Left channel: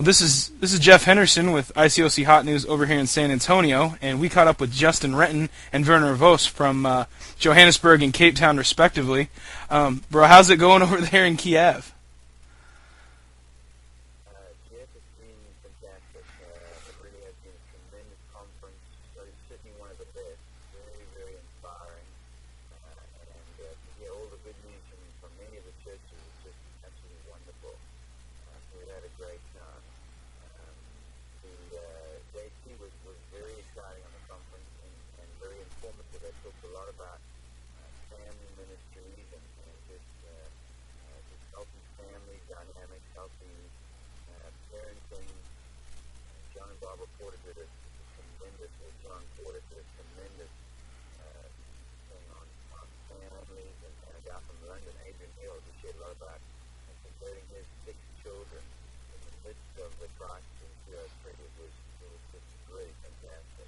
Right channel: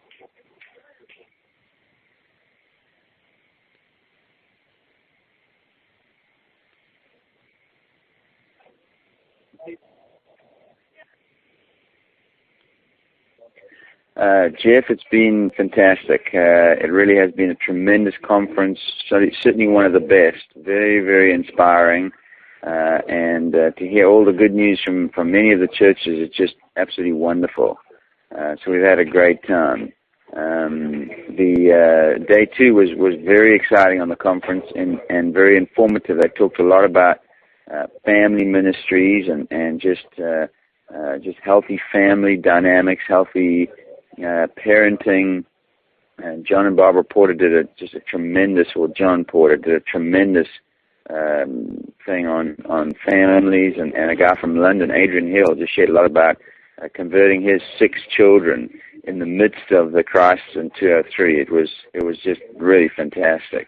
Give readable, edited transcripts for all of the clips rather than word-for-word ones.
Well, this is Jeff Henderson with ICOC Hot News over here in San Antonio, and we caught up with Justin Renton and Werner Vos from Johannesburg and Cape Town, respectively. Bro, how's it going over there in Kiev? Jeff, it's been fantastic. It really has been a tremendous conference, certainly one of the best. Very, very inspiring. And to hear all the good news from many of the churches is just absolutely wonderful. So we've had a great time. The day two was very exciting on the conference and very informative. They talked a lot about family ministries and just healthy family dynamics, healthy parenting. And John and Barbara Porter John Porter did a tremendous thing on families, and a guy from London, Adrian Hill, just shared a lot about converting his 6 children in the midst of the crisis in 2003. It was just really fantastic.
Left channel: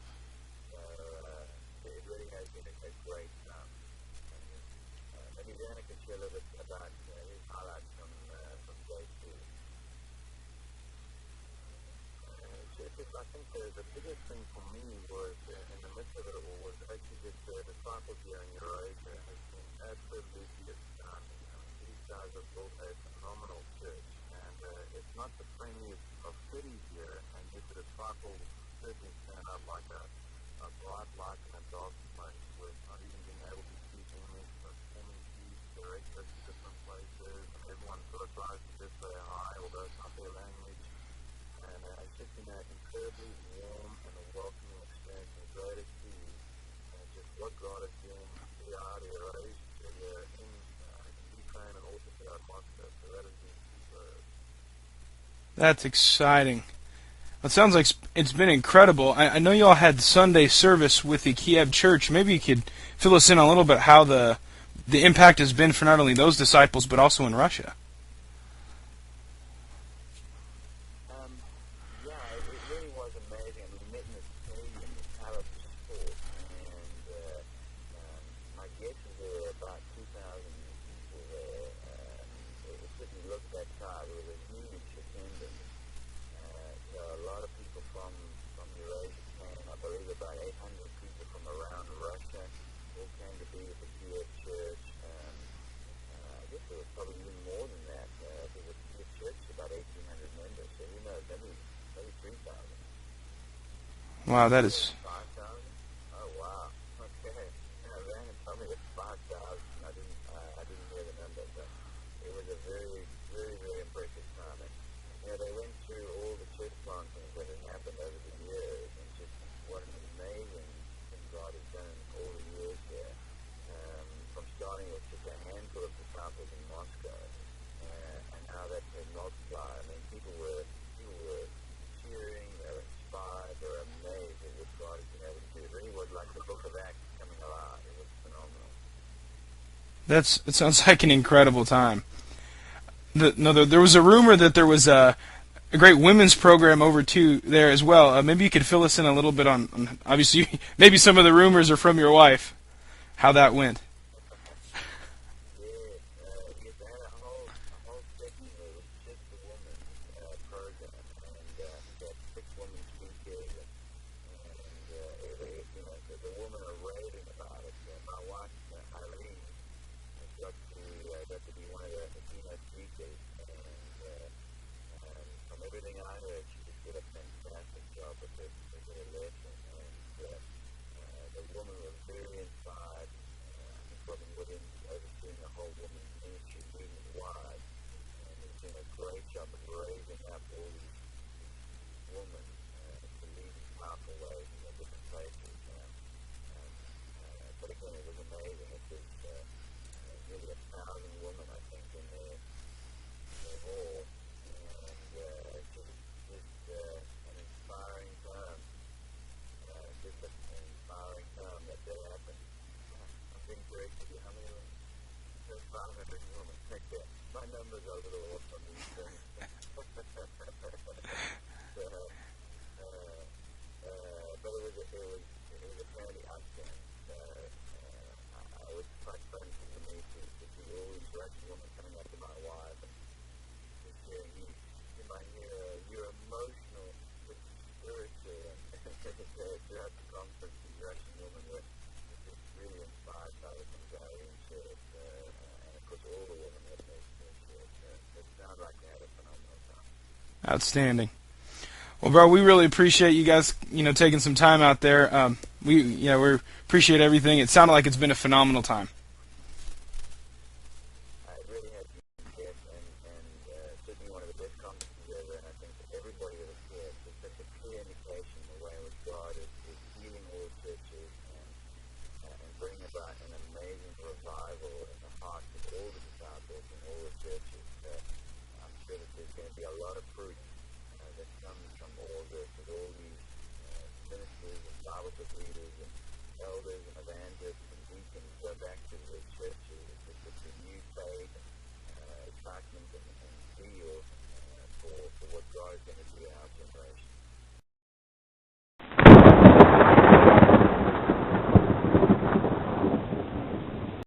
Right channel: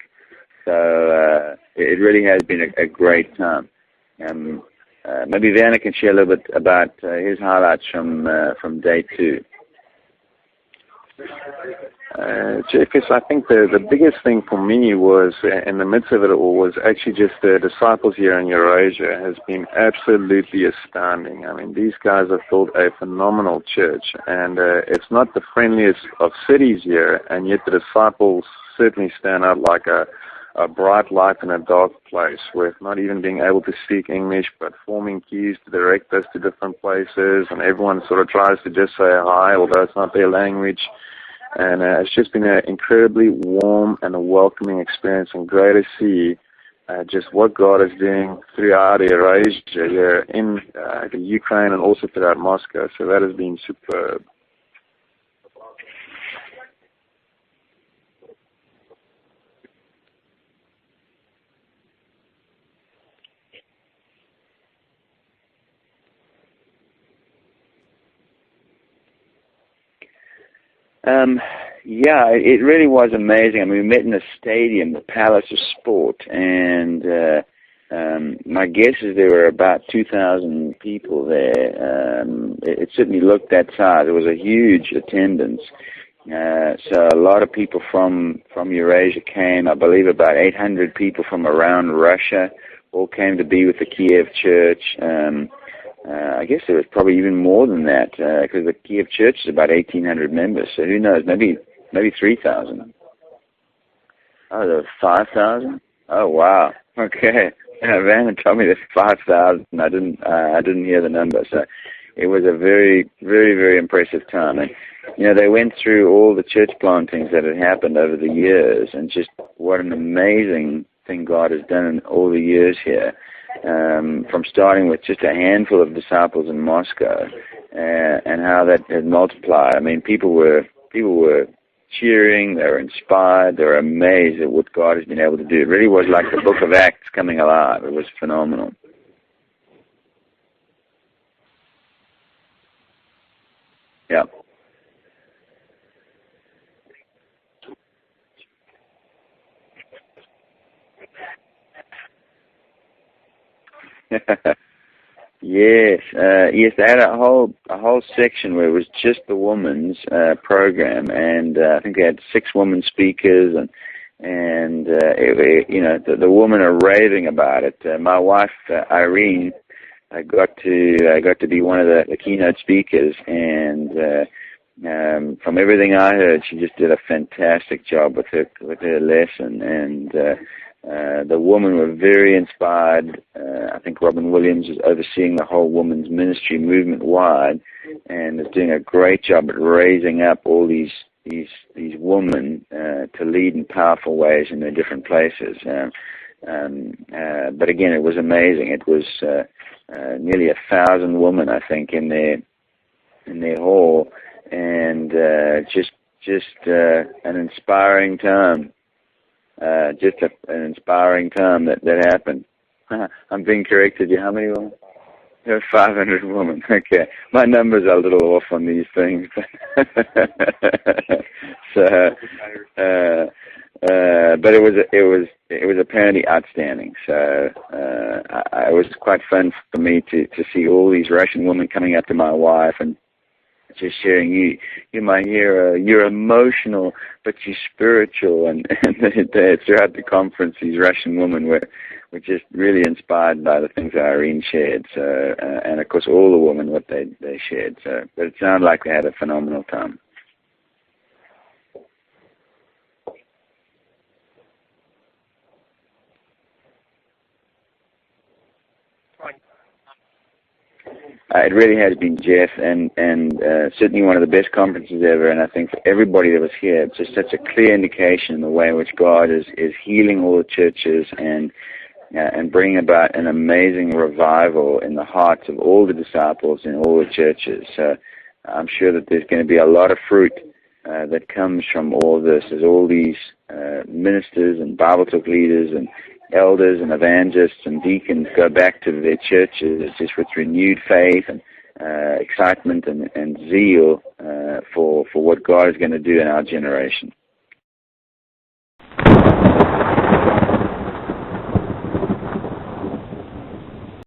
So it really has been a great time. Maybe Werner can share a little bit about his highlights from day 2. Jeff, I think the biggest thing for me was, in the midst of it all, was actually just the disciples here in Eurasia has been absolutely astounding. I mean, these guys have built a phenomenal church, and it's not the friendliest of cities here, and yet the disciples certainly stand out like a bright light in a dark place, with not even being able to speak English, but forming queues to direct us to different places, and everyone sort of tries to just say hi, although it's not their language. And it's just been an incredibly warm and a welcoming experience, and great to see just what God is doing throughout Eurasia here in the Ukraine and also throughout Moscow. So that has been superb. That's exciting. It sounds like it's been incredible. I know you all had Sunday service with the Kiev church. Maybe you could fill us in a little bit how the impact has been for not only those disciples but also in Russia. Yeah, it really was amazing. I mean, we met in a stadium, the Palace of Sport, and my guess is there were about 2,000 people there. It certainly looked that size. It was a huge attendance. So a lot of people from Eurasia came. I believe about 800 people from around Russia all came to be with the Kiev church. I guess there was probably even more than that, because the Kiev church is about 1,800 members. So who knows? Maybe 3,000. Wow, that's 5,000. Oh wow. Okay. Van told me there's 5,000. I didn't hear the number. So it was a very, very, very impressive time. And they went through all the church plantings that had happened over the years, and just what an amazing thing God has done in all the years here. From starting with just a handful of disciples in Moscow, and how that had multiplied. I mean, people were cheering, they were inspired, they were amazed at what God has been able to do. It really was like the book of Acts coming alive. It was phenomenal. It sounds like an incredible time. There was a rumor that there was a great women's program over there as well. Maybe you could fill us in a little bit on obviously, maybe some of the rumors are from your wife. How that went? Yes. They had a whole section where it was just the women's program, and I think they had 6 women speakers, and the women are raving about it. My wife Irene got to be one of the keynote speakers, and from everything I heard, she just did a fantastic job with her lesson, and the women were very inspired. I think Robin Williams is overseeing the whole women's ministry movement wide, and is doing a great job at raising up all these women to lead in powerful ways in their different places. But again, it was amazing. It was nearly 1,000 women, I think, in their hall, and just an inspiring time. Just an inspiring time that happened. I'm being corrected. How many women? There were 500 women. Okay, my numbers are a little off on these things. So, but it was apparently outstanding. So it was quite fun for me to see all these Russian women coming up to my wife and just sharing. You might hear you're emotional, but you're spiritual, and throughout the conference, these Russian women were just really inspired by the things that Irene shared. So, and of course, all the women what they shared. So, but it sounded like they had a phenomenal time. Outstanding. Well, bro, we really appreciate you guys, taking some time out there. We appreciate everything. It sounded like it's been a phenomenal time. It really has been, Jeff, and certainly one of the best conferences ever. And I think for everybody that was here, it's just such a clear indication in the way in which God is healing all the churches and bringing about an amazing revival in the hearts of all the disciples in all the churches. So I'm sure that there's going to be a lot of fruit that comes from all of this, as all these ministers and Bible talk leaders and elders and evangelists and deacons go back to their churches just with renewed faith and excitement and zeal for what God is going to do in our generation.